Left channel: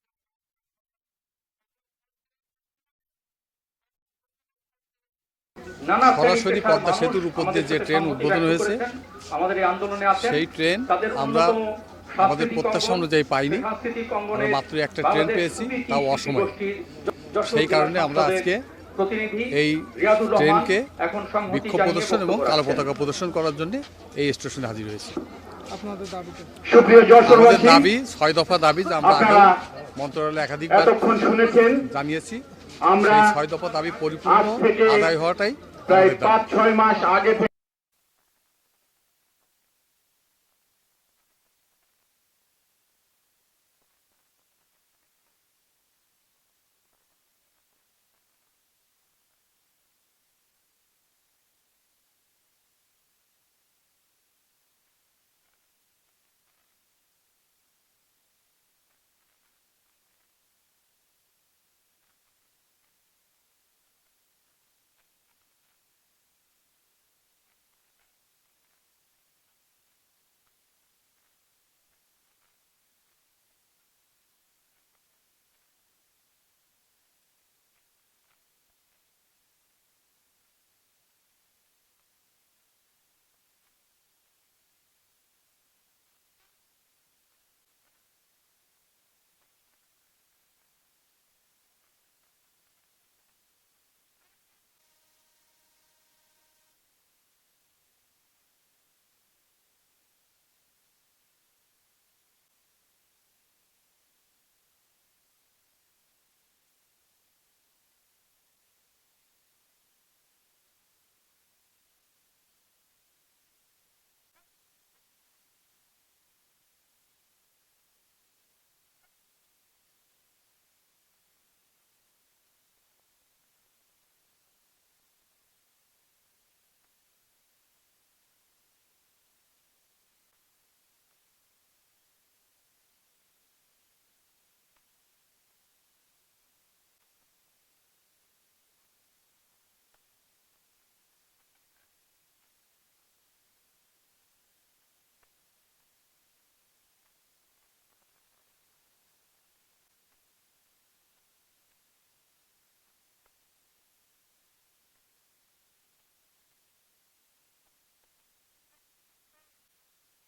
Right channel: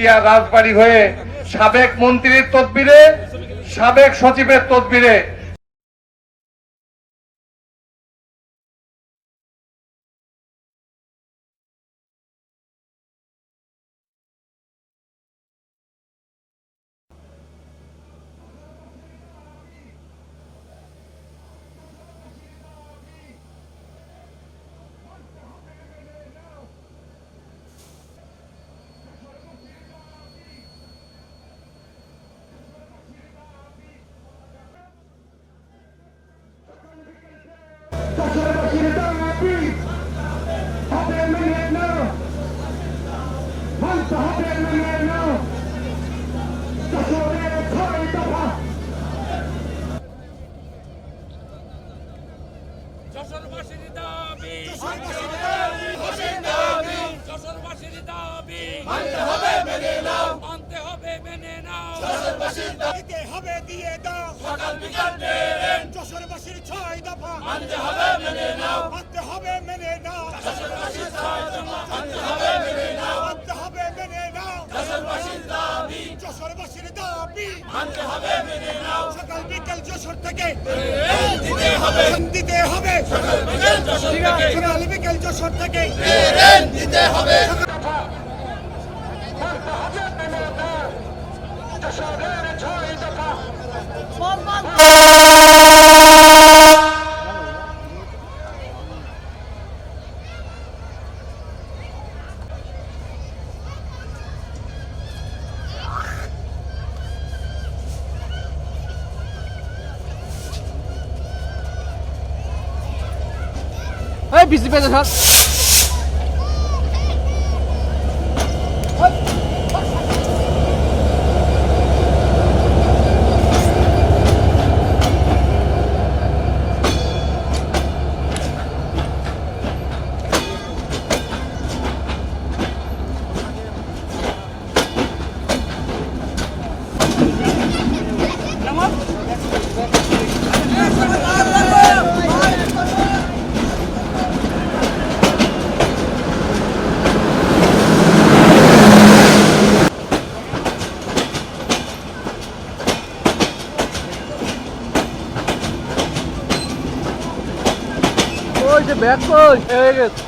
কুষ্টিয়া রাজবাড়ি হয়ে সাবেক মন্ত্রীর তদবিরে সাবেক সচিবের তদবিরে সরাসরি পদ্মা সেতুর উপর দিয়ে যে ট্রেন উদ্বোধন হয়েছে, আমাদের এই আন্দোলনে আছেন। সেই ট্রেন আমরা আমাদের প্রত্যাশা অনুযায়ী পাইনি। আমরা মাত্র একটা ট্রেন পেয়েছি, তাও অসময়ে। সেই কারণে আমরা আজকে এই ট্রেনকে এখন বিক্ষোভ প্রদর্শন এবং কালো পতাকা প্রদর্শন করার জন্য এই স্টেশনে হাজির হয়েছি। আমাদের দাবি ছয় দফা দাবি যা আমরা মন্ত্রণালয়ে একাধিকবার এতক্ষণ জানিয়েছি আমরা ছয় দফা দাবি পরিপূর্ণ আদায় হওয়াটাই প্রায় পাঁচ ছয় মাস আগে যশোরবাসীর দাবি। দিতে হবে দিয়ে দাও। সকাল বিকাল ট্রেন যশোরবাসীর ছয় দফা। মানতে হবে মেনে নাও। মানতে হবে মেনে নাও। যশোরবাসীর ছয় দফা। মানতে হবে মেনে নাও। মানতে হবে মেনে নাও। যশোরবাসীর দাবি। যশোরবাসীর দাবি। মানতে হবে মেনে নাও। সকাল বিকেল যশোর থেকে। দিতে হবে। দিতে হবে। সকাল বিকাল যশোর থেকে। সকাল বিকেল যশোর থেকে। দিতে হবে। Hey bizi bedel স্যার ওই যে ব্যাগ কই হয়ে গেছে